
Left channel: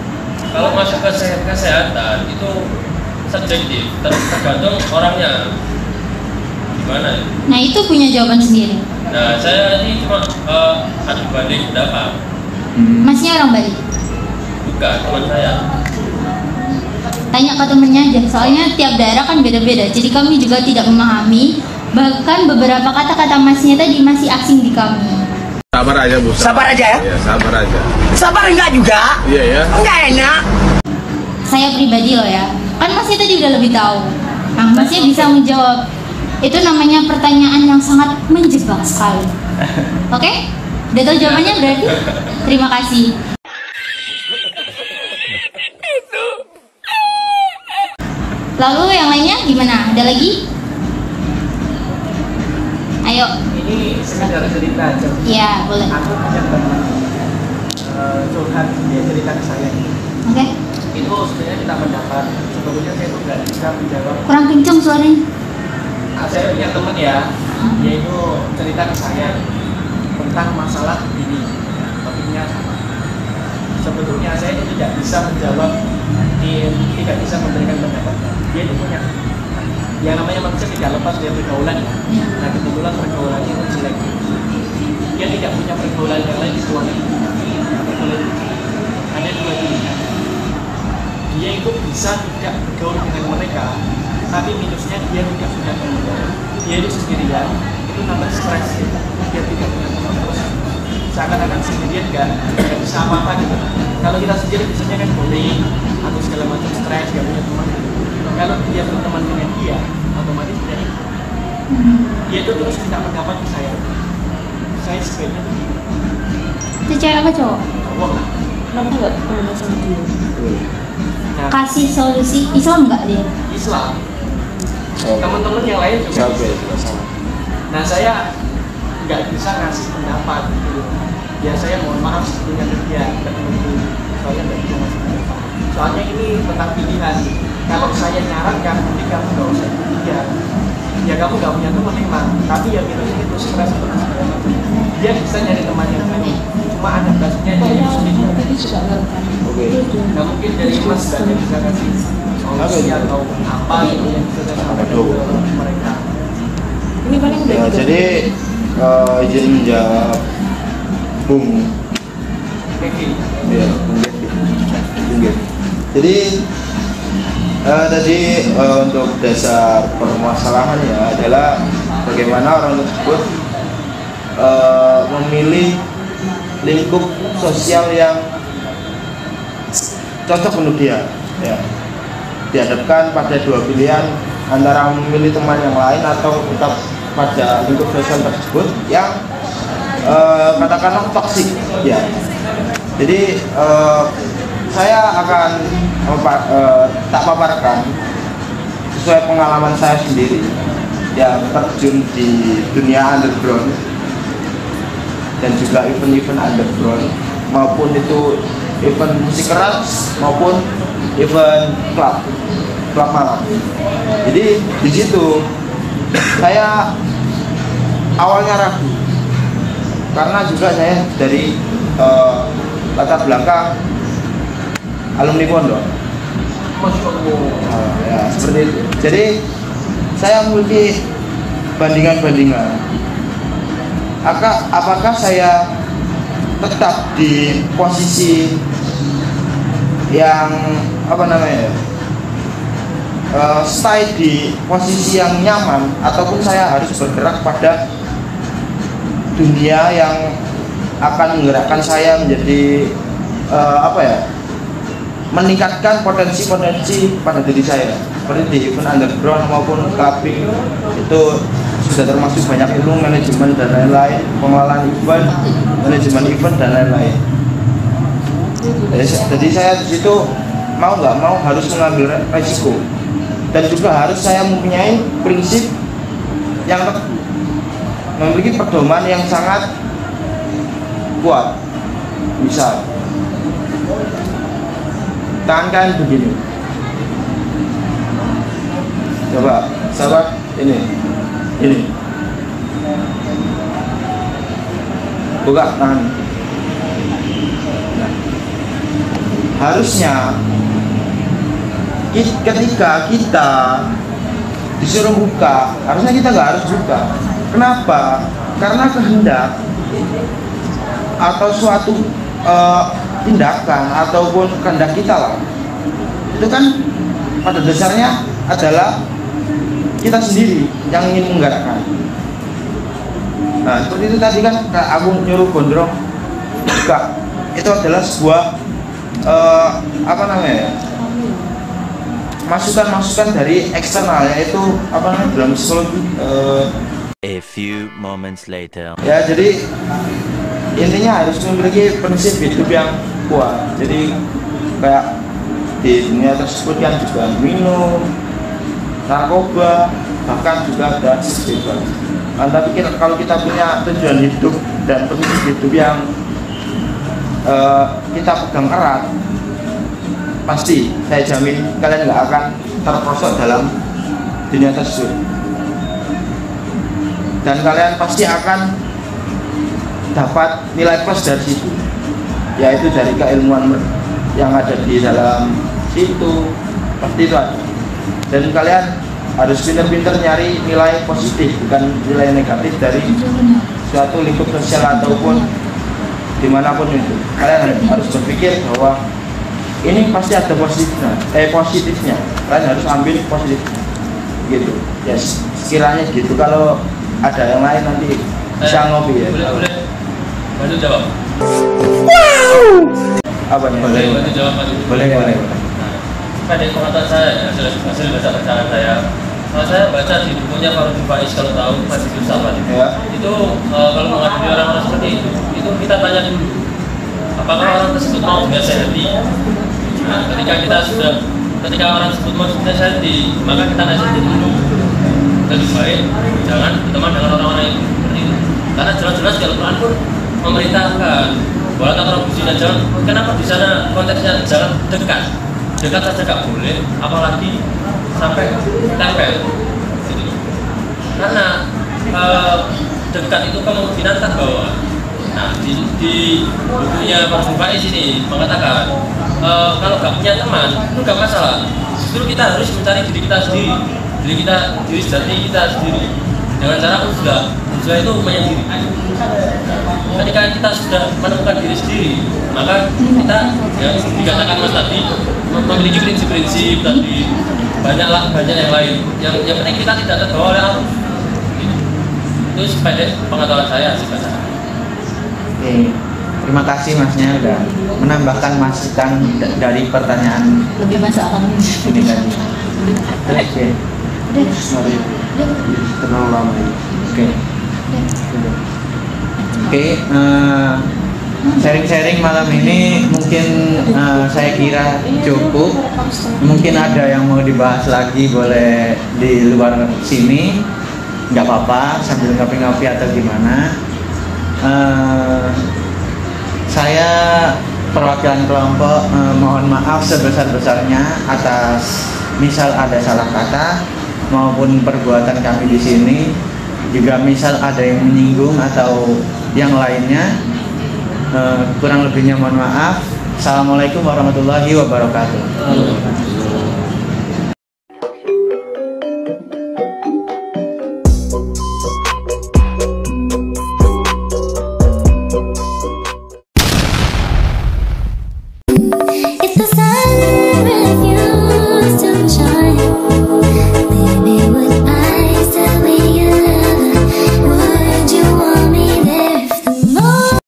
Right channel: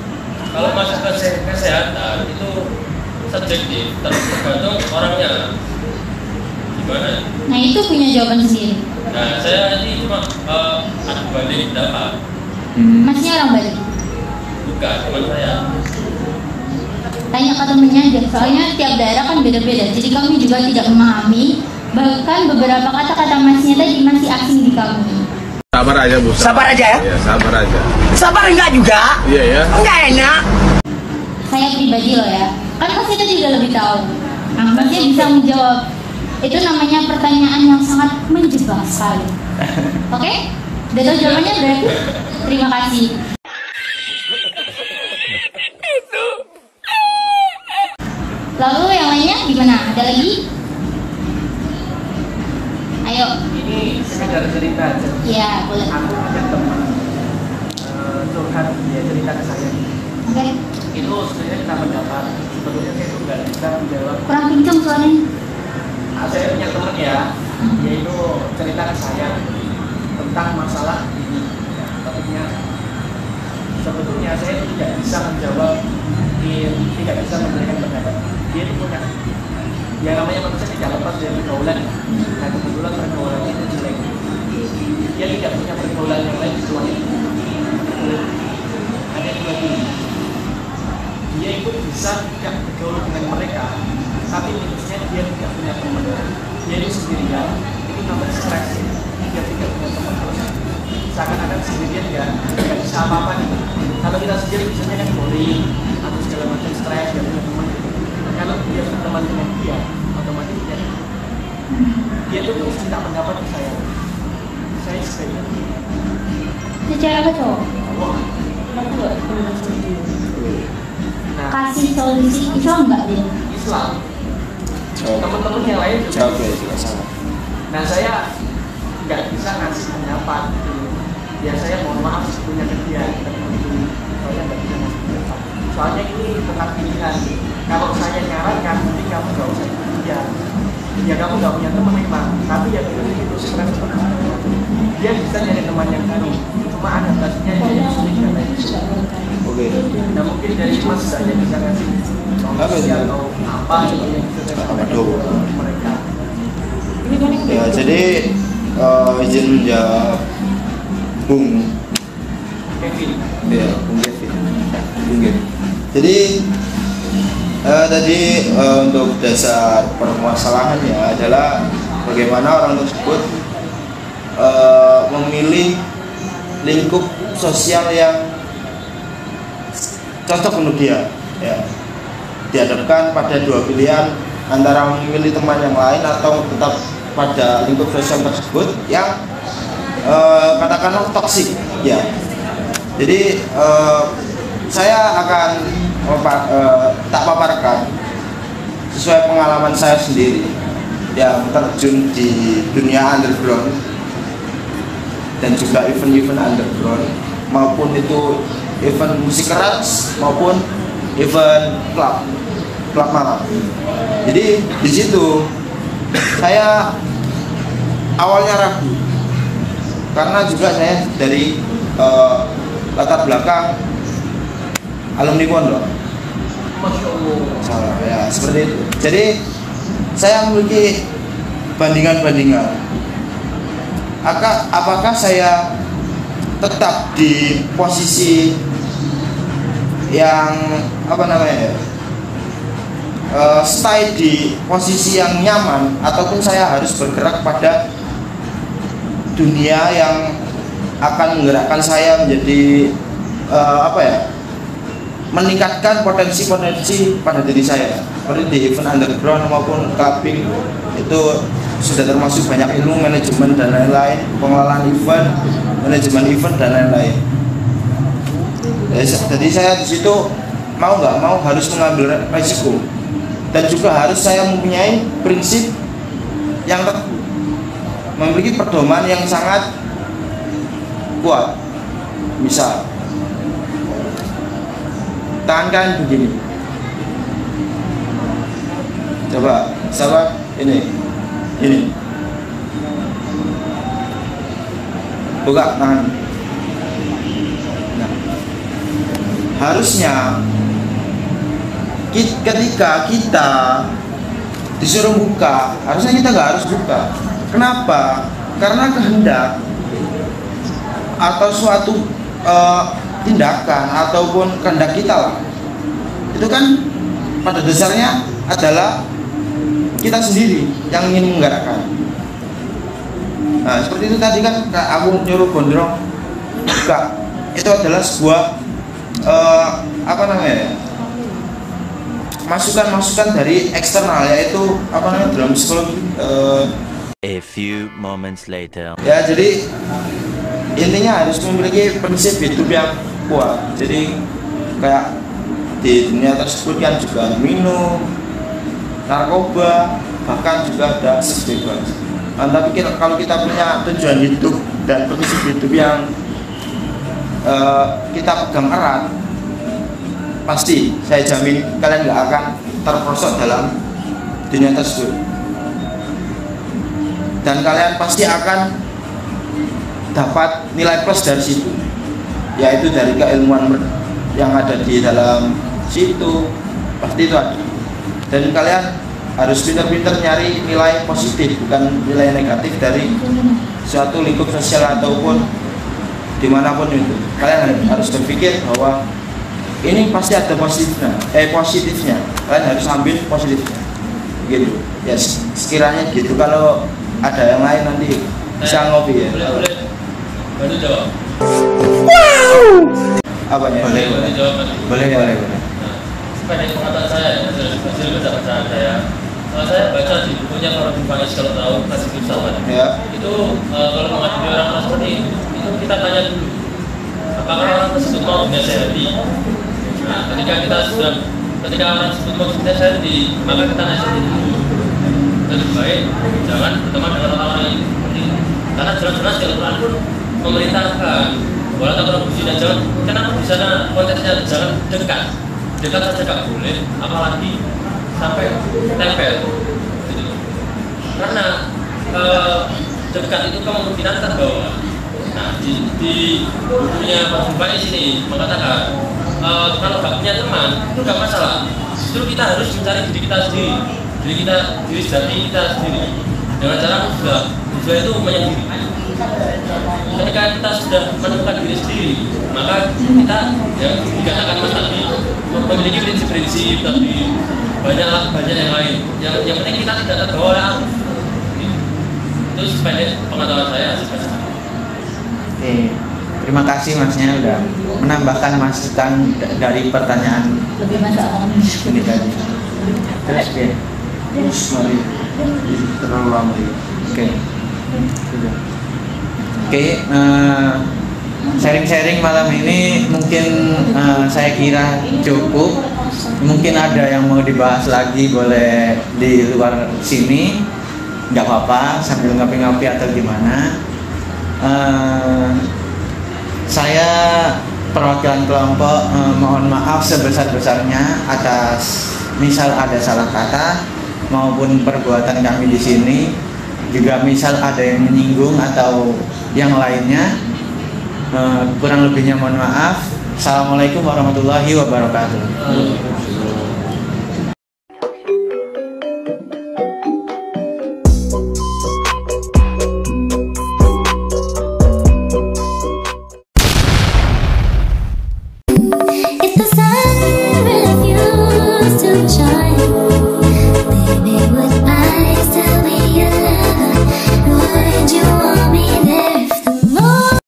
Kalau masuk ke kesehatan itu subjektif, tergantung orangnya gimana. Nah itu punya jawaban sendiri. Nah saya ini cuma adu banding pendapat. Masnya orang Bali? Bukan, teman saya. Tanya ke temennya aja, soalnya tiap daerah kan beda-beda. Jadi kami juga tidak memahami. Bahkan beberapa kata-kata masnya tadi masih asing di kami. Sabar aja Bu. Sabar aja ya? Iya, sabar aja. Sabar enggak juga? Iya ya. Enggak enak. Saya pribadi loh ya, kan masnya tadi udah lebih tahu. Nah masnya bisa menjawab. Itu namanya pertanyaan yang sangat menjebak sekali. Oke? Udah tahu jawabannya berarti? Terima kasih. Lalu yang lainnya gimana? Ada lagi? Ayo. Ini sekedar cerita aja. Iya, boleh. Aku punya teman curhat, dia cerita ke saya. Oke. Itu sebenarnya kita pendapat. Sebetulnya saya itu nggak bisa menjawab. Kurang kencang suaranya. Saya punya teman ya, dia itu cerita ke saya tentang masalah ini. Ya, topiknya sama. Sebetulnya saya itu tidak bisa menjawab, tidak bisa memberikan pendapatnya. Dia itu punya, yang namanya manusia tidak lepas dari pergaulan ya. Nah kebetulan pergaulannya itu jelek. Dia tidak punya pergaulan yang lain kecuali nah, pergaulan ada dua pilihan. Dia itu bisa tidak bergaul dengan mereka, tapi minusnya dia tidak punya teman. Dia itu sendirian, itu tambah stres. Dia tidak punya teman terus seakan-akan sendirian nggak bisa apa-apa gitu. Kalau kita sendiri biasanya kan bullying atau segala macam stres, nggak punya teman gitu. Kalau dia berteman dengan dia, otomatis dia ribut. dia tuh terus minta pendapat ke saya sebaiknya tuh gimana? Itu cewek apa cowok? Cowok lah. Kenapa nggak komunikasi sama dia? Nah, Kasih solusi Islam nggak dia? Islam teman-teman yang lain juga nah saya nggak bisa ngasih pendapat gitu. Ya saya mohon maaf sebetulnya ke dia ke teman-teman, soalnya nggak bisa ngasih pendapat, soalnya ini tentang pilihan. Kalau saya nyarankan mending kamu nggak usah ikut dia, ya kamu nggak punya teman memang, tapi ya pilih itu stres atau segala macam. Dia bisa nyari teman yang baru, cuma adaptasinya dia yang sulit kan. Nah mungkin dari Mas nggak bisa kasih solusi atau apa gitu yang bisa saya sampaikan ke mereka. Ya, jadi izin menjawab Bung Kevin. Ya, Bung Kevin. Jadi tadi untuk dasar permasalahannya adalah bagaimana orang tersebut memilih lingkup sosial yang cocok untuk dia. Ya. Dihadapkan pada dua pilihan antara memilih teman yang lain atau tetap pada lingkup sosial tersebut yang katakanlah toksik. Ya. Jadi saya akan tak paparkan sesuai pengalaman saya sendiri yang terjun di dunia underground dan juga event-event underground, maupun itu event musik keras maupun event klub malam. Jadi di situ saya awalnya ragu karena juga saya dari latar belakang alumni pondok. Masya Allah. Ya, seperti itu. Jadi saya memiliki bandingan-bandingan. Apakah saya tetap di posisi yang stay di posisi yang nyaman, ataupun saya harus bergerak pada dunia yang akan menggerakkan saya menjadi meningkatkan potensi-potensi pada diri saya, seperti di event underground maupun clubbing. Itu sudah termasuk banyak ilmu manajemen dan lain-lain, pengolahan event, manajemen event dan lain-lain. Jadi saya di situ mau nggak mau harus mengambil resiko, dan juga harus saya mempunyai prinsip yang teguh, memiliki pedoman yang sangat kuat. Misal tangan kalian begini, coba siapa ini buka tangan. Nah, harusnya ketika kita disuruh buka, harusnya kita nggak harus buka. Kenapa? Karena kehendak atau suatu tindakan ataupun kehendak kita lah, itu kan pada dasarnya adalah kita sendiri yang ingin menggerakkan. Nah seperti itu tadi kan aku nyuruh gondrong buka, itu adalah sebuah masukan dari eksternal, yaitu dalam psikologi. A few moments later. Ya, jadi intinya harus memiliki prinsip hidup yang kuat. Jadi kayak di dunia tersebut kan juga minum, narkoba, bahkan juga ada seks bebas. Nah, tapi kalau kita punya tujuan hidup dan prinsip hidup yang kita pegang erat, pasti saya jamin kalian nggak akan terperosok dalam dunia tersebut, dan kalian pasti akan dapat nilai plus dari situ, yaitu dari keilmuan yang ada di dalam situ. Pasti itu ada. Dan kalian harus pintar-pintar nyari nilai positif, bukan nilai negatif dari suatu lingkup sosial ataupun dimanapun itu. Kalian harus berpikir bahwa ini pasti ada positifnya. Kalian harus ambil positifnya, gitu. Ya sekiranya gitu. Kalau ada yang lain nanti bisa ngopi ya. Boleh bantu jawab. Wow. Apa nih? Bantu jawab. Boleh. Pada pengetahuan saya, hasil besar perjalanan saya, saya baca di bukunya Fardu Faiz, kalau tahu Masjid Sabar Ya. itu kalau menghadapi orang-orang seperti itu kita tanya dulu apakah orang tersebut mau dinasihati. Nah, ketika orang tersebut mau dinasihati, maka kita nasihati dulu. Lebih baik jangan berteman dengan orang-orang yang seperti itu, karena jelas-jelas Al-Quran pun memerintahkan bahwa kalau sudah jangan, kenapa di sana konteksnya jangan dekat saja nggak boleh, apalagi sampai tempel. Karena dekat itu kemungkinan terbawa. Nah, di bukunya Pak Faiz ini mengatakan kalau nggak punya teman itu nggak masalah. Justru kita harus mencari diri kita sendiri, diri sejati kita sendiri. Dengan cara uzlah itu menyendiri. Ketika kita sudah menemukan diri sendiri, maka kita dikatakan Mas tadi memiliki prinsip-prinsip tadi banyak yang lain. Yang penting kita tidak terbawa oleh arus. Itu sependek pengetahuan saya. Oke, terima kasih Masnya sudah menambahkan masukan dari pertanyaan Lebih masuk akal. ini tadi. Sorry, terlalu lama. Oke, sharing-sharing malam ini mungkin saya kira cukup. Mungkin ada yang mau dibahas lagi, boleh di luar sini, nggak apa-apa, sambil ngopi-ngopi atau gimana. Saya perwakilan kelompok mohon maaf sebesar-besarnya atas misal ada salah kata maupun perbuatan kami di sini, juga misal ada yang menyinggung atau yang lainnya. Kurang lebihnya mohon maaf. Assalamualaikum warahmatullahi wabarakatuh.